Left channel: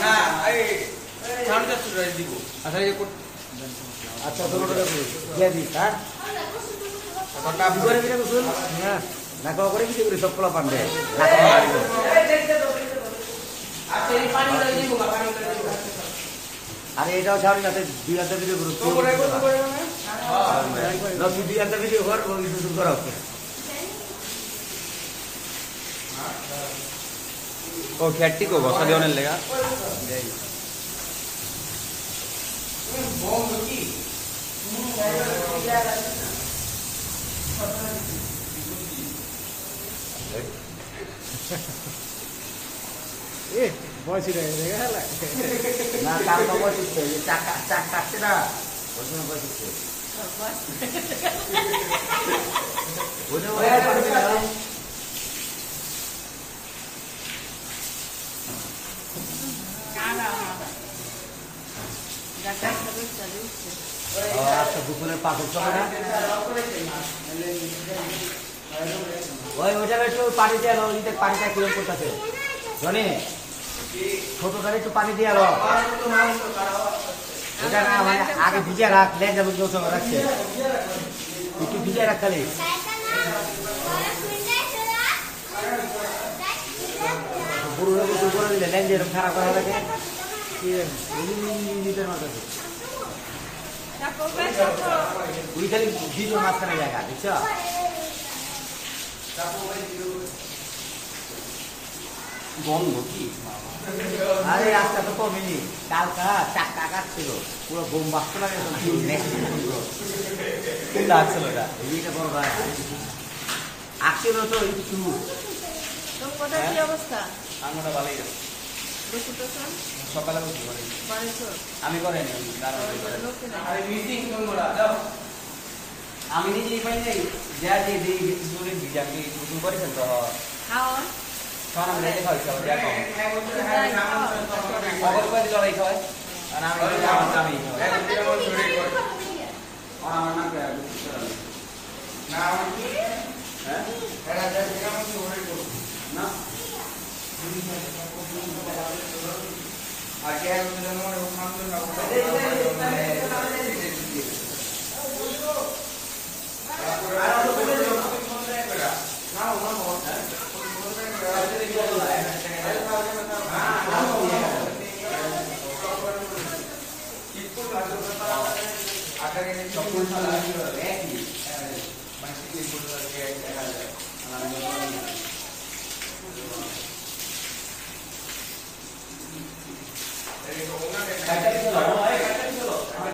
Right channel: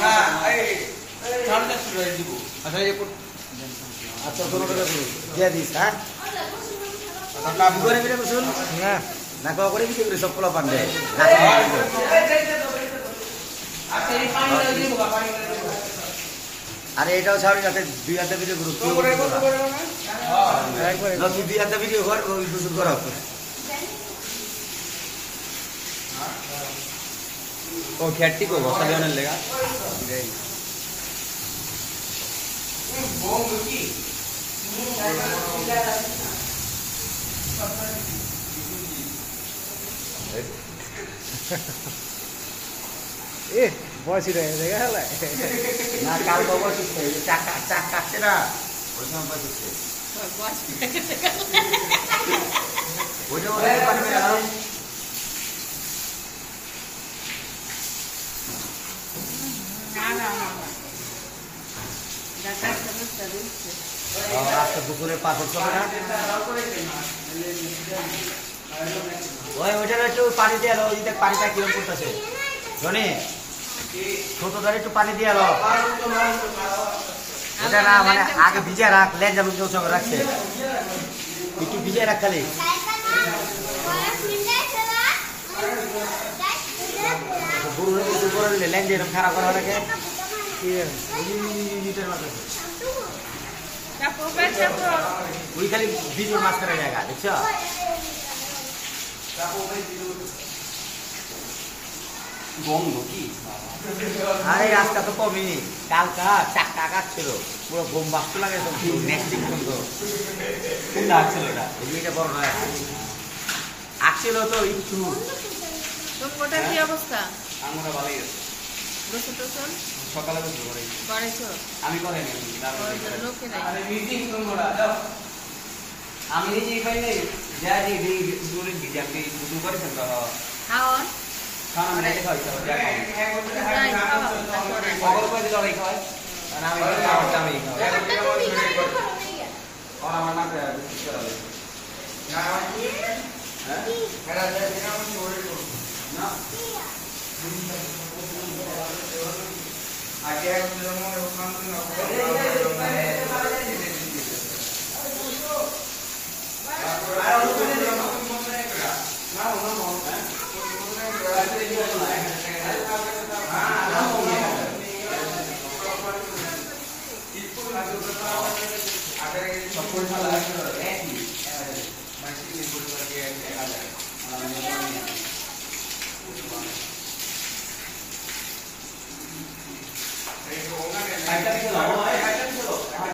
না এই ঠান্ডা শুরু হয়ে দিব আচ্ছা এই আচ্ছা 16 টাকা করে দিয়ে দিস হ্যাঁ কাপ করে বিরে কুসুল হ্যাঁ না কো করে বিরে করে সব পোলা পান্ডে না আচ্ছা এই পানি দিব পানি দিব আরে এটাও ছাড়ি যাতে দুই হাতে ভিডিও করো তো করে কত করে না হ্যাঁ না দুই হাতে ভিডিও কর ওই কুসুল করো ও খ্যাটটি কো বসা দিওনের লেগা বম কি এ বয়সী রে দেখা হলে না কাল তো বসিছে চাক চাক কাটছে না ওই সময় বসিছে ওটা ওরে পারবে না আচ্ছা দুপুরের পাথর চলে না ওইটার একটু পানি দিয়ে এলো দেখ পানিটা কিরম করতেছে জনি ছোটটার একটু পানি দিয়ে এলো ওটা না মানে আগে ভিজে রাখ লেন যাবে কেউ সঙ্গে রাখছে একটু ভিজে রাখ খালি গরুরে গোসল করে দিলে লেন যে এরকম খারাপ করা লাগে ওই খালি ভিজুর মাঝখানে জায়গা দেখছ বন্ধ কি আরে আজকে তো কমেনি কালকা চারটা কাটছিল পুরো বোম বাস্ত লাগে নেক্সট দিন পর্যন্ত কোনটা আসছিল এটা এইটা বড় নয় আসছিল তো একটু কোটার কি অবস্থা আমরা ভালোই আছে রসুন টসুন সকালে বসে ভালোই বাড়িছো আমি করে নি লোকে নাই আরে মিটিং তোমরা দাও আমি নিজেই পাই নাই যা যে দুই দুই দিকে আমি শুরু করেছেন তো খাওয়ান খাওয়া আমি রেখে খাওয়াইছি আবার যা খাওয়া খবর পাই দিল লড়াই খাওয়াই আর আমি আমি খাওয়াই আর আমার না করে না হ্যাঁ এরা যেটা মনে করে করব না আগে একদম মনে ওখান থেকে I